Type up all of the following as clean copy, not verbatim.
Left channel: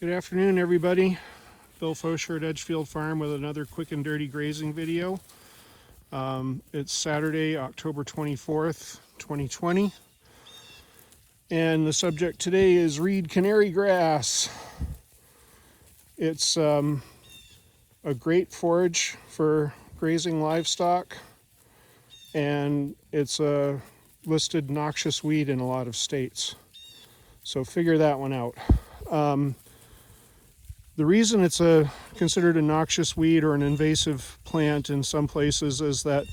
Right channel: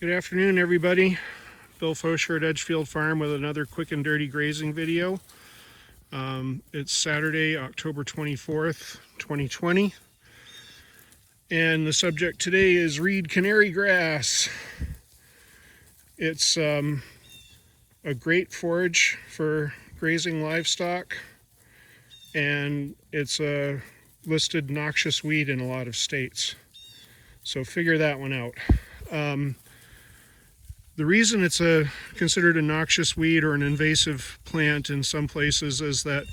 Good afternoon, everybody. Bill Fosher at Edgefield Farm with another quick and dirty grazing video. It's Saturday, October 24th, 2020. And the subject today is reed canary grass. It's a great forage for grazing livestock, and it's a listed noxious weed in a lot of states. So figure that one out. The reason it's considered a noxious weed or an invasive plant in some places is that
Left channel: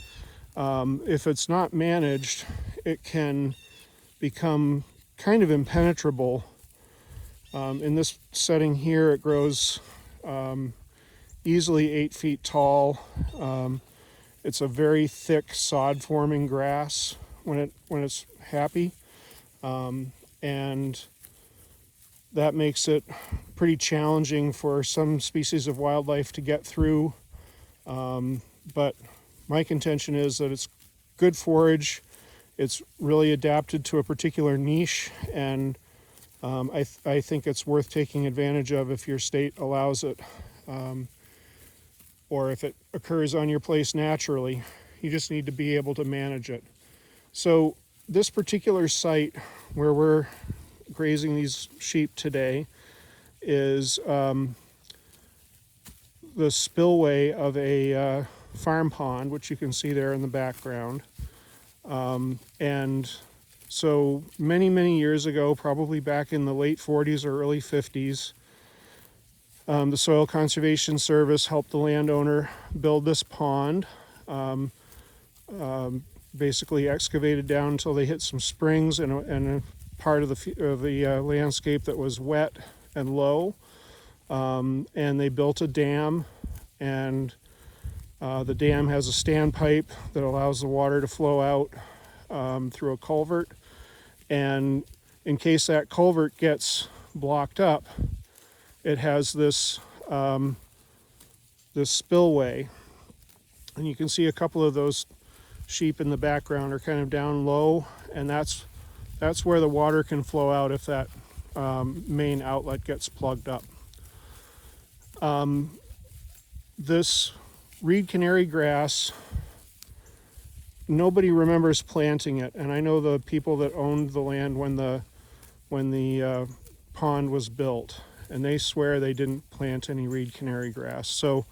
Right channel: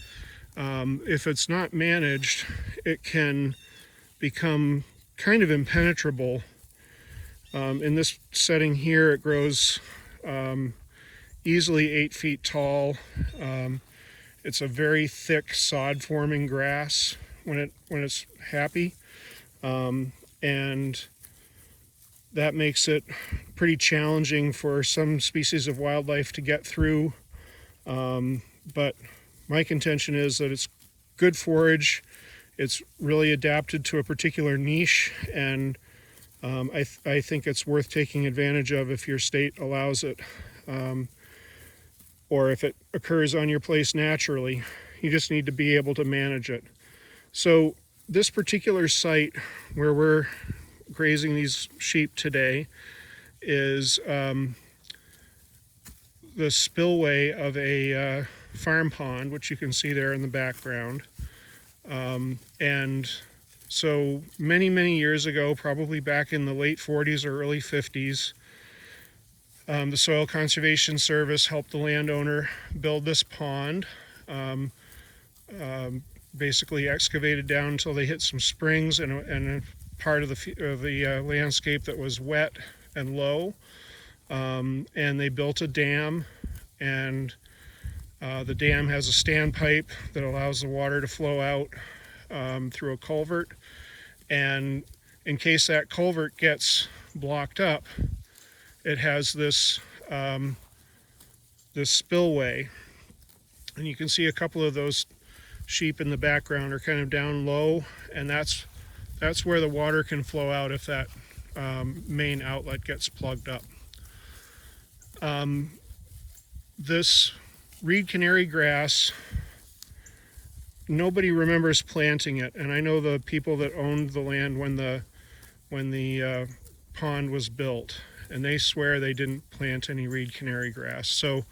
if it's not managed, it can become kind of impenetrable. In this setting here, it grows easily 8 feet tall. It's a very thick sod-forming grass when it's happy, and that makes it pretty challenging for some species of wildlife to get through. But my contention is that it's good forage. It's really adapted to a particular niche, and I think it's worth taking advantage of if your state allows it, or if it occurs on your place naturally. You just need to be able to manage it. So this particular site where we're grazing these sheep today is the spillway of a farm pond, which you can see there in the background. And so many years ago, probably back in the late 40s or early 50s, the Soil Conservation Service helped the landowner build this pond. Basically excavated down until they hit some springs and a part of the landscape that was wet and low, and they built a dam, and the dam has a standpipe that allows the water to flow out through a culvert, and in case that culvert gets blocked up, it has this spillway, and you can see a couple of those sheep in the background are kind of down low, and that's where the water can flow out if that main outlet gets plugged up. This reed canary grass, nobody remembers planting it, and I know the people that owned the land when the pond was built, and they swear they didn't plant any reed canary grass. So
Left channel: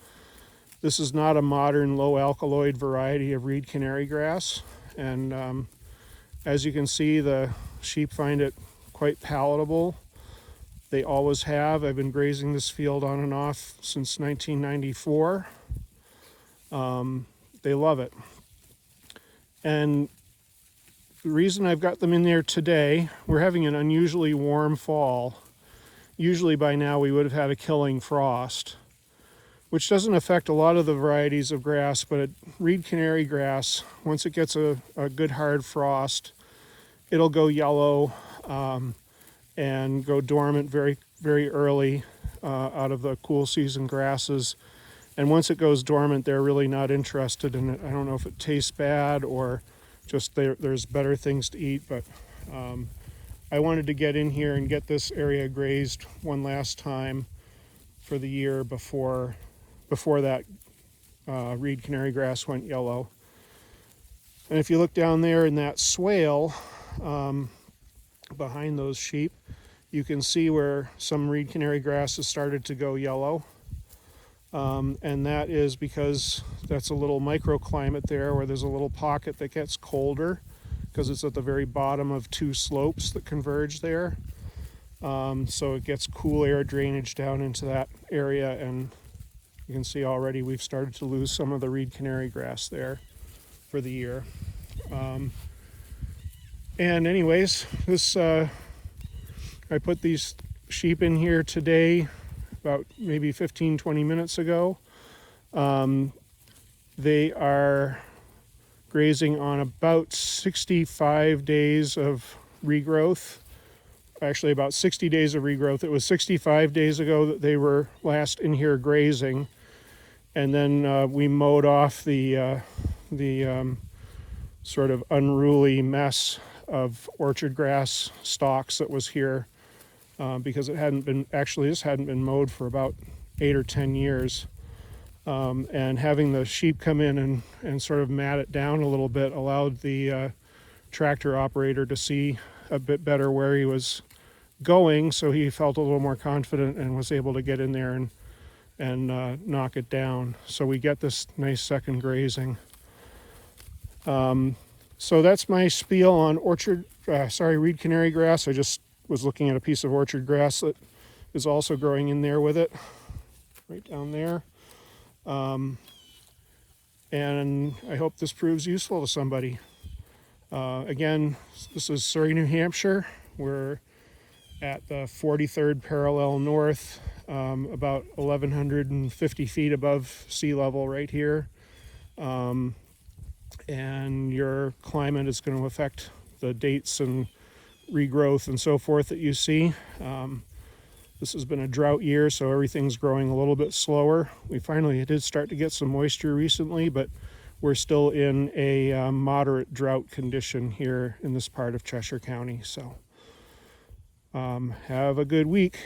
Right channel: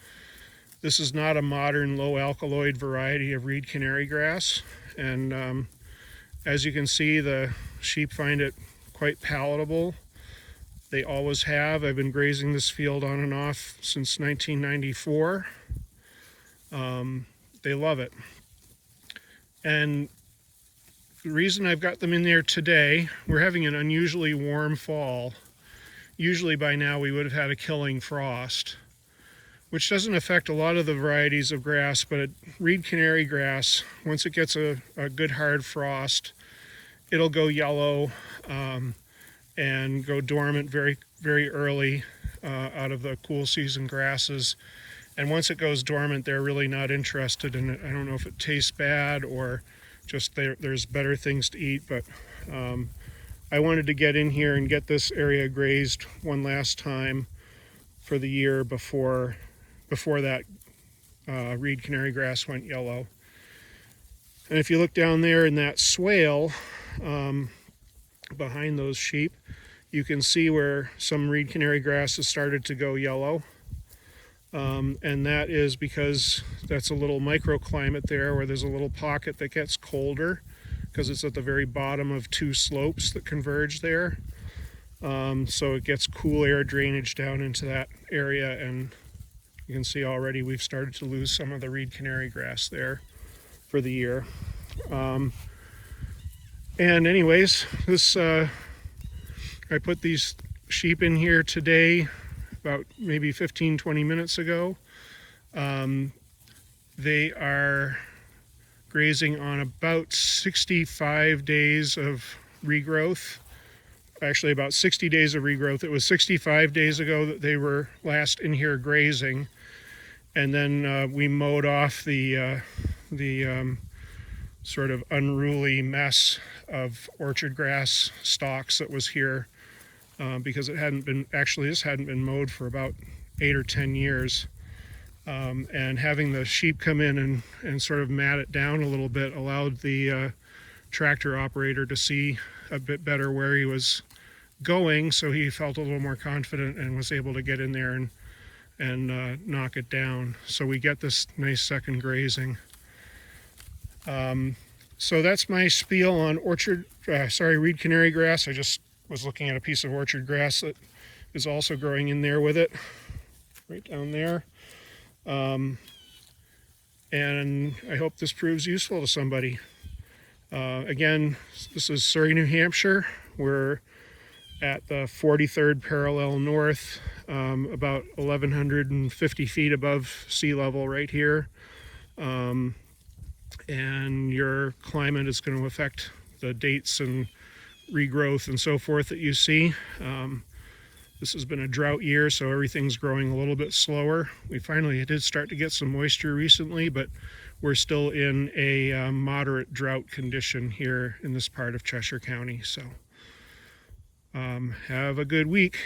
this is not a modern low alkaloid variety of reed canary grass, and as you can see, the sheep find it quite palatable. They always have. I've been grazing this field on and off since 1994. They love it. And the reason I've got them in there today, we're having an unusually warm fall. Usually by now we would have had a killing frost, which doesn't affect a lot of the varieties of grass, but reed canary grass, once it gets a good hard frost, it'll go yellow and go dormant very early out of the cool season grasses. And once it goes dormant, they're really not interested in it. I don't know if it tastes bad or just there's better things to eat, but I wanted to get in here and get this area grazed one last time for the year before that reed canary grass went yellow. And if you look down there in that swale behind those sheep, you can see where some reed canary grass has started to go yellow. And that is because that's a little microclimate there where there's a little pocket that gets colder because it's at the very bottom of two slopes that converge there. So it gets cool air drainage down into that area, and you can see already we've started to lose some of the reed canary grass there for the year. And anyways, this I put these sheep in here today about maybe 15-20 minutes ago. They are grazing on about 65 days of regrowth. Actually about 60 days of regrowth. It was 65 days ago that they were last in here grazing, and then we mowed off the sort of unruly mess of orchard grass stalks that was here because it hadn't been, actually this hadn't been mowed for about 8 or 10 years. And having the sheep come in and sort of mat it down a little bit allowed the tractor operator to see a bit better where he was going, so he felt a little more confident and was able to get in there and knock it down. So we get this nice second grazing. So that's my spiel on reed canary grass. I just was looking at a piece of orchard grass that is also growing in there with it, right down there. And I hope this proves useful to somebody. Again, this is Surrey, New Hampshire. We're at the 43rd parallel north, about 1,150 feet above sea level right here. And your climate is going to affect the dates and regrowth and so forth that you see. This has been a drought year, so everything's growing a little bit slower. We finally did start to get some moisture recently, but we're still in a moderate drought condition here in this part of Cheshire County. So have a good week.